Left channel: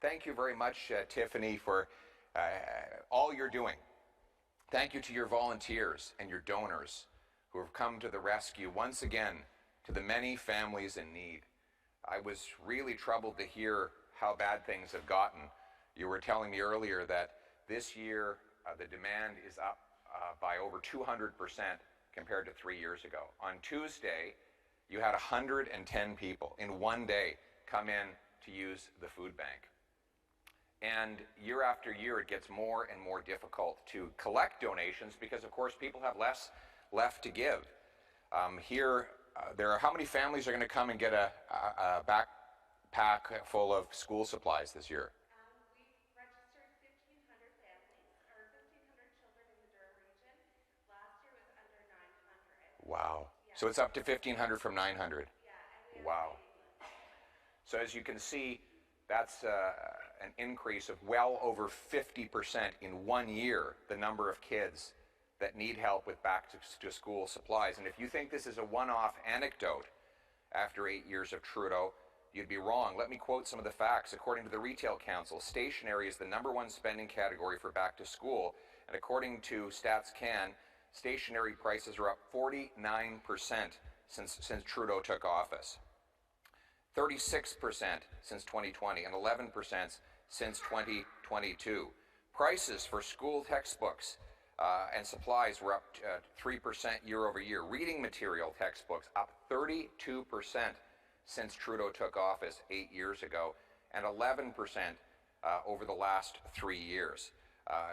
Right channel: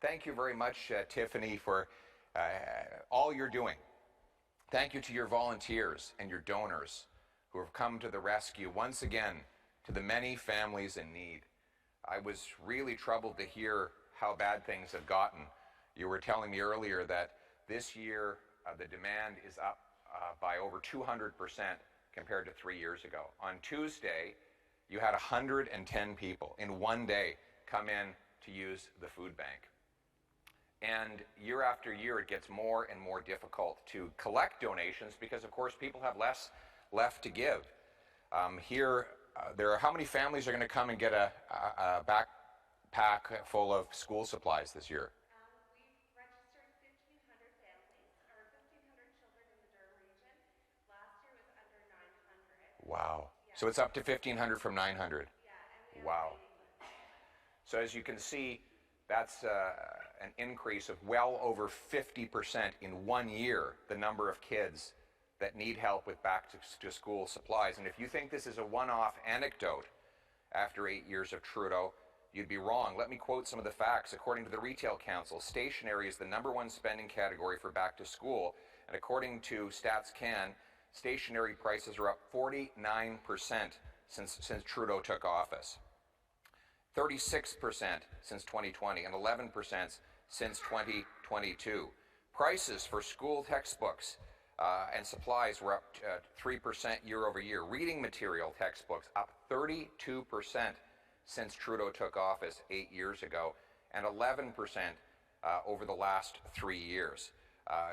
Thank you very much, Tiffany, for all you're doing. Thank you to your volunteers and your donors who have come to the rescue once again to the many families in need. I was really troubled to hear how bad things have gotten. You were telling me earlier that this year the demand is up by over 200% compared to 3 years ago. On Tuesday, you had 110 people in one day come in to use the food bank. And year after year, it gets more and more difficult to collect donations because, of course, people have less left to give. There are how many families are going to come and get a backpack full of school supplies this year? We've registered 1,500 families, or 1,500 children in the Durham region. Last year was under 900. Wow. Yeah. So it's up to 1,500 from 900. Yeah, and we wow. So as you can see, that's an increase of well over 50% in 1 year, the number of kids that need help with back-to-school supplies. And if you think this is a one-off anecdote after 8 years of Trudeau, you'd be wrong. Let me quote some of the facts. According to the Retail Council, stationery is the #1 spending category for back-to-school. And according to Stats Can, stationery prices are up 49% since Trudeau took office. 36% since 2020 and 11% since 2022. Prices for school textbooks and supplies were up 3% year over year. Reading material textbooks up 32% since Trudeau took office 8 years ago, and 11% over the last 3 years.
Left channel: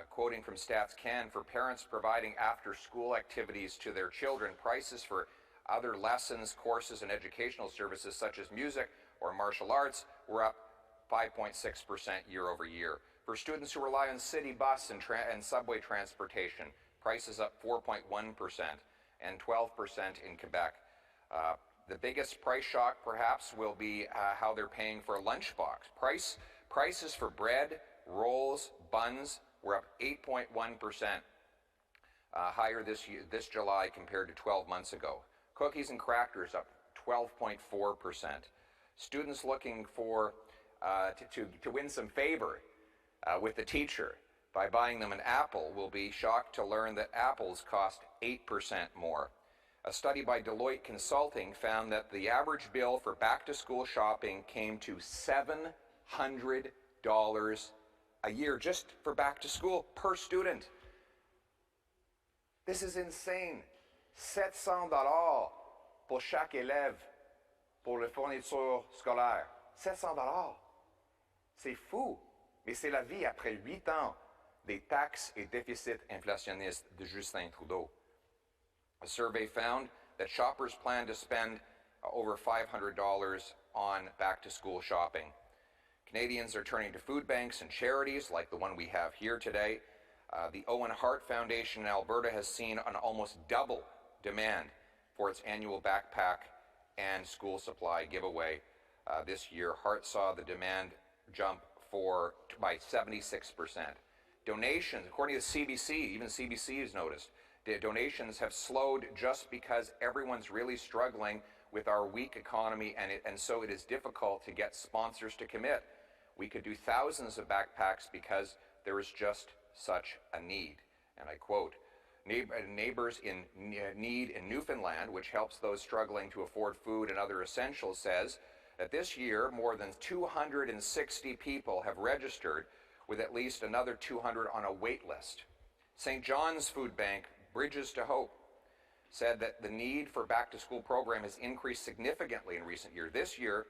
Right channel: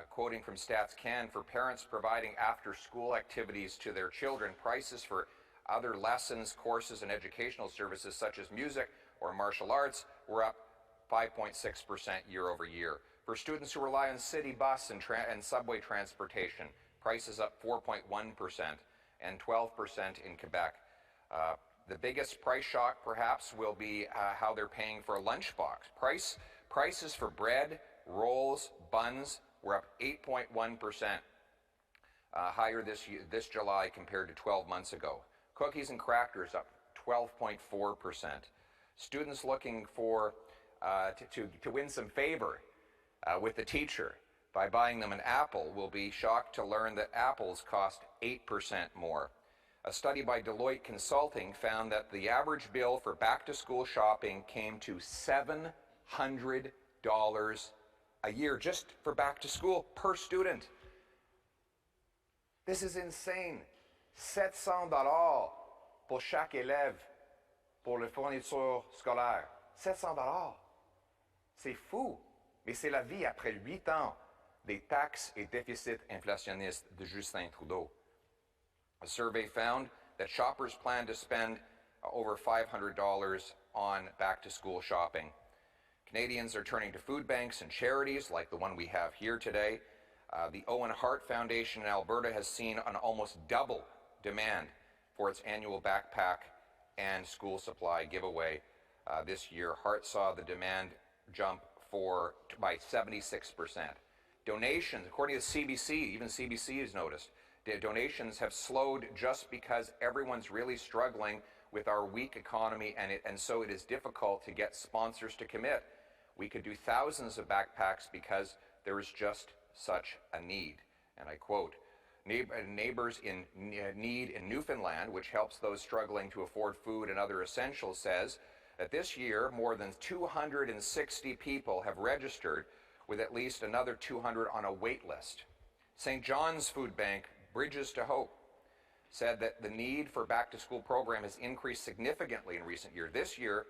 Quoting from Stats Can, for parents providing after-school activities to their children, prices for other lessons, courses, and educational services such as music or martial arts were up 5.6% year over year. For students who rely on city bus and subway transportation, prices up 4.1% and 12% in Quebec. The biggest price shock, perhaps, will be how they're paying for a lunchbox. Prices for bread, rolls, buns were up 8.1% higher this July compared to 12 months ago. Cookies and crackers up 12.4%. Students looking for to win some favor with the teacher by buying them an apple will be shocked to learn that apples cost 8% more. A study by Deloitte Consulting found that the average bill for back-to-school shopping came to $700 a year just for back-to-school per student. This is insane. $700 pour chaque élève pour les fournitures scolaires. $700. C'est fou, mais c'est la vie après 8 ans des taxes et déficits inflationnistes de Justin Trudeau. A survey found that shoppers plan to spend over $500 on back-to-school shopping. Canadians are turning to food banks and charities like the one we have here today. The Owen Hart Foundation in Alberta has seen an almost double demand for its annual backpack and school supply giveaway this year. Hart saw the demand jump by 76%. Donations, according to CBC, even CBC has noticed, donations have slowed just because everyone's really struggling with our weak economy, and so it is difficult to get sponsors to commit. We could do thousands of backpacks because there is just such a need. And I quote, Neighbors in Need in Newfoundland, which helps those struggling to afford food and other essentials, says that this year more than 260 people have registered, with at least another 200 on a wait list. St. John's Food Bank, Bridges to Hope, said that the need for back-to-school program has increased significantly in recent years. This year,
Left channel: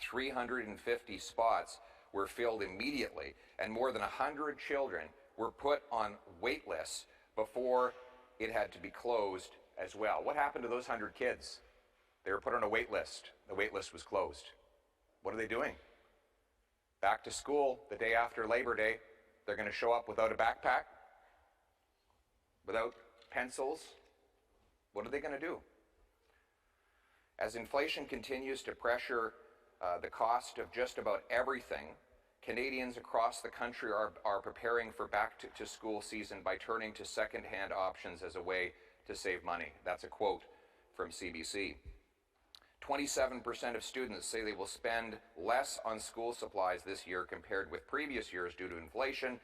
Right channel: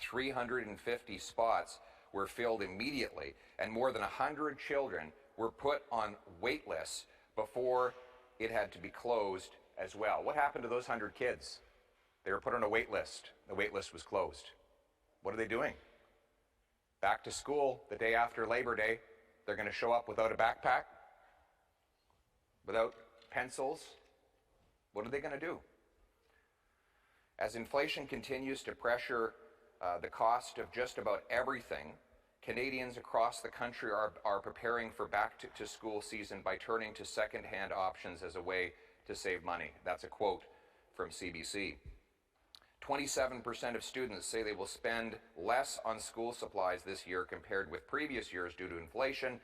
350 spots were filled immediately, and more than 100 children were put on wait lists before it had to be closed as well. What happened to those 100 kids? They were put on a wait list. The wait list was closed. What are they doing? Back to school the day after Labor Day. They're going to show up without a backpack, without pencils. What are they going to do? As inflation continues to pressure the cost of just about everything, Canadians across the country are preparing for back-to-school season by turning to second-hand options as a way to save money. That's a quote from CBC. 27% of students say they will spend less on school supplies this year compared with previous years due to inflation,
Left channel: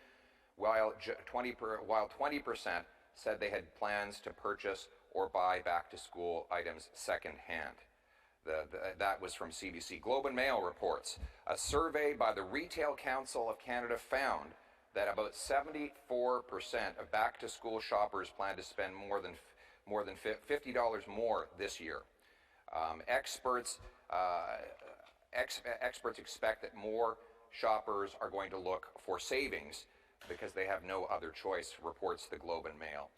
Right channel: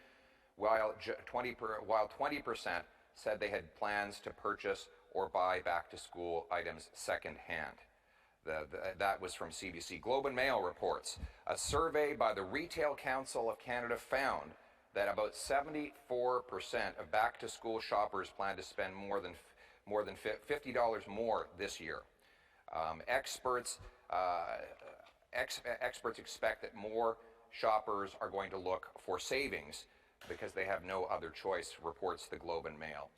while 20% said they had plans to purchase or buy back-to-school items secondhand. That was from CBC. Globe and Mail reports a survey by the Retail Council of Canada found that about 74% of back-to-school shoppers plan to spend more than $50 more this year. Experts expect that more shoppers are going to look for savings because they have no other choice, reports the Globe and Mail.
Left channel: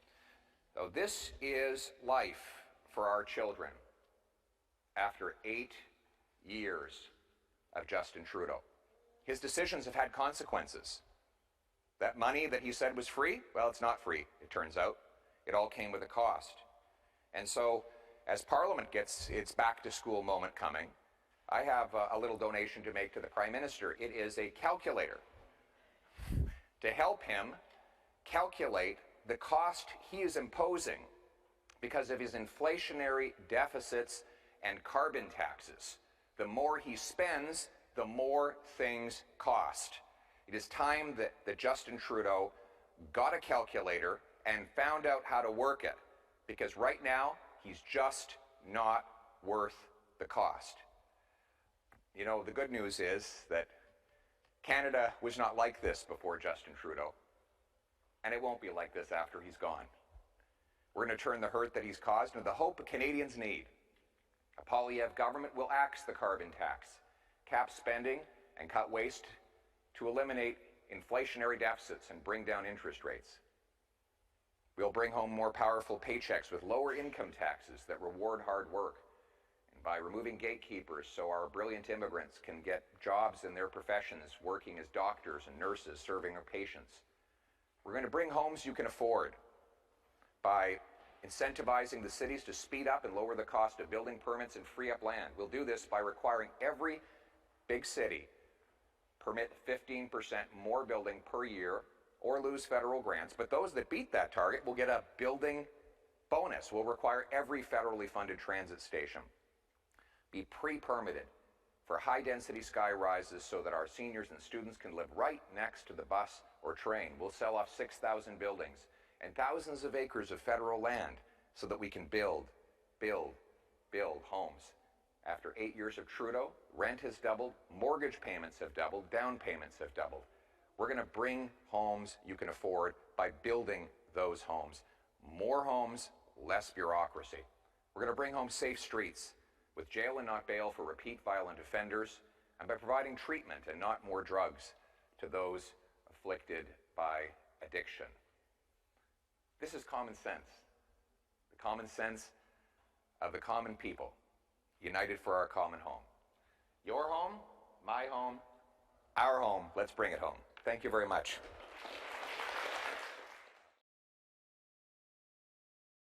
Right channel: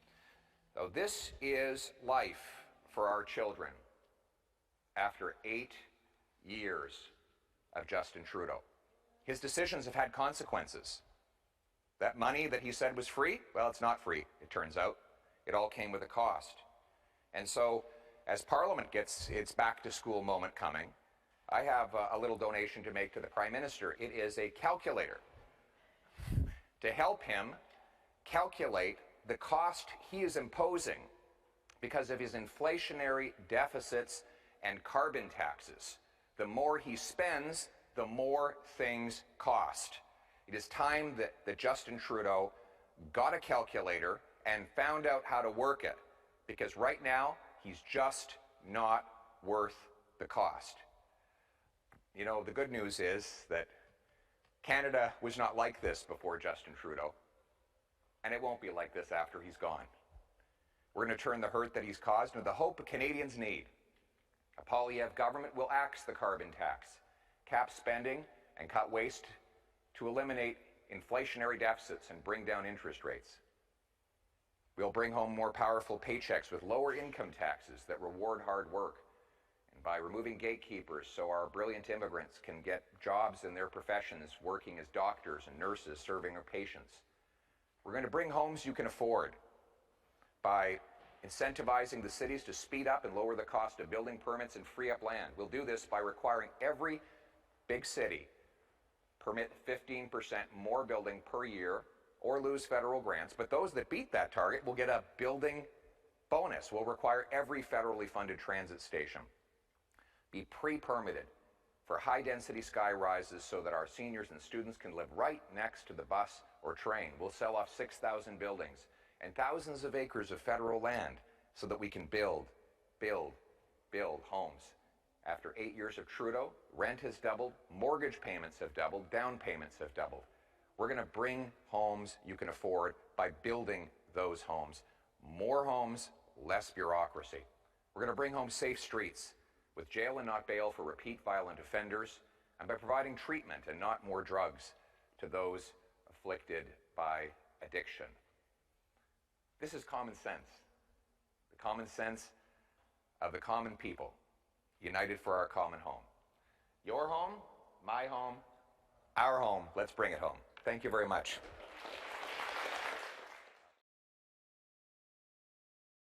So this is life for our children after 8 years of Justin Trudeau. His decisions have had consequences. That money that he said was free, well, it's not free, it turns out. It all came with a cost. And so, as Parliament gets its back-to-school moment coming, I have a little donation to make to the Prime Minister. It is a calculator to help him calculate the cost he is imposing because of his inflationary deficits and carbon taxes. The more he spends, the more things cost. It is time that Justin Trudeau got a calculator and found out how to work it, because right now he's just not worth the cost. You know, the good news is that Canada was not like this before Justin Trudeau, and it won't be like this after he's gone. We're going to turn the hurt that he's caused into the hope Canadians need. A Poilievre government will axe the carbon tax, cap spending, and cut waste to eliminate inflationary deficits and bring down interest rates. We'll bring home more powerful paychecks with lower income taxes that reward hard work, and by removing gatekeepers so our brilliant immigrants can get jobs in their professions, working as doctors and nurses, serving our patients. We're going to bring homes you can afford by incentivizing the cities to speed up and lower the cost of building permits and free up land. We'll do this by requiring every big city permit 15% more building per year or lose federal grants, but those that beat that target will get a building bonus. We'll require every federally funded transit station be pre-permitted for high-density sky rises so that our seniors and students can live right next to the bus or train. We'll sell off 6,000 buildings and thousands of acres of federal land so that we can build homes. After 8 years of Trudeau, rent has doubled, mortgage payments have doubled, down payments have doubled. We're going to bring homes you can afford by building those homes. More homes, less bureaucracy. We're going to bring home safe streets with jail and not bail for repeat violent offenders, and by providing treatment and not more drugs to those afflicted by addiction. This is common sense. The common sense of the common people, united for our common home. Your home, my home, our home. Let's bring it home. Thank you very much.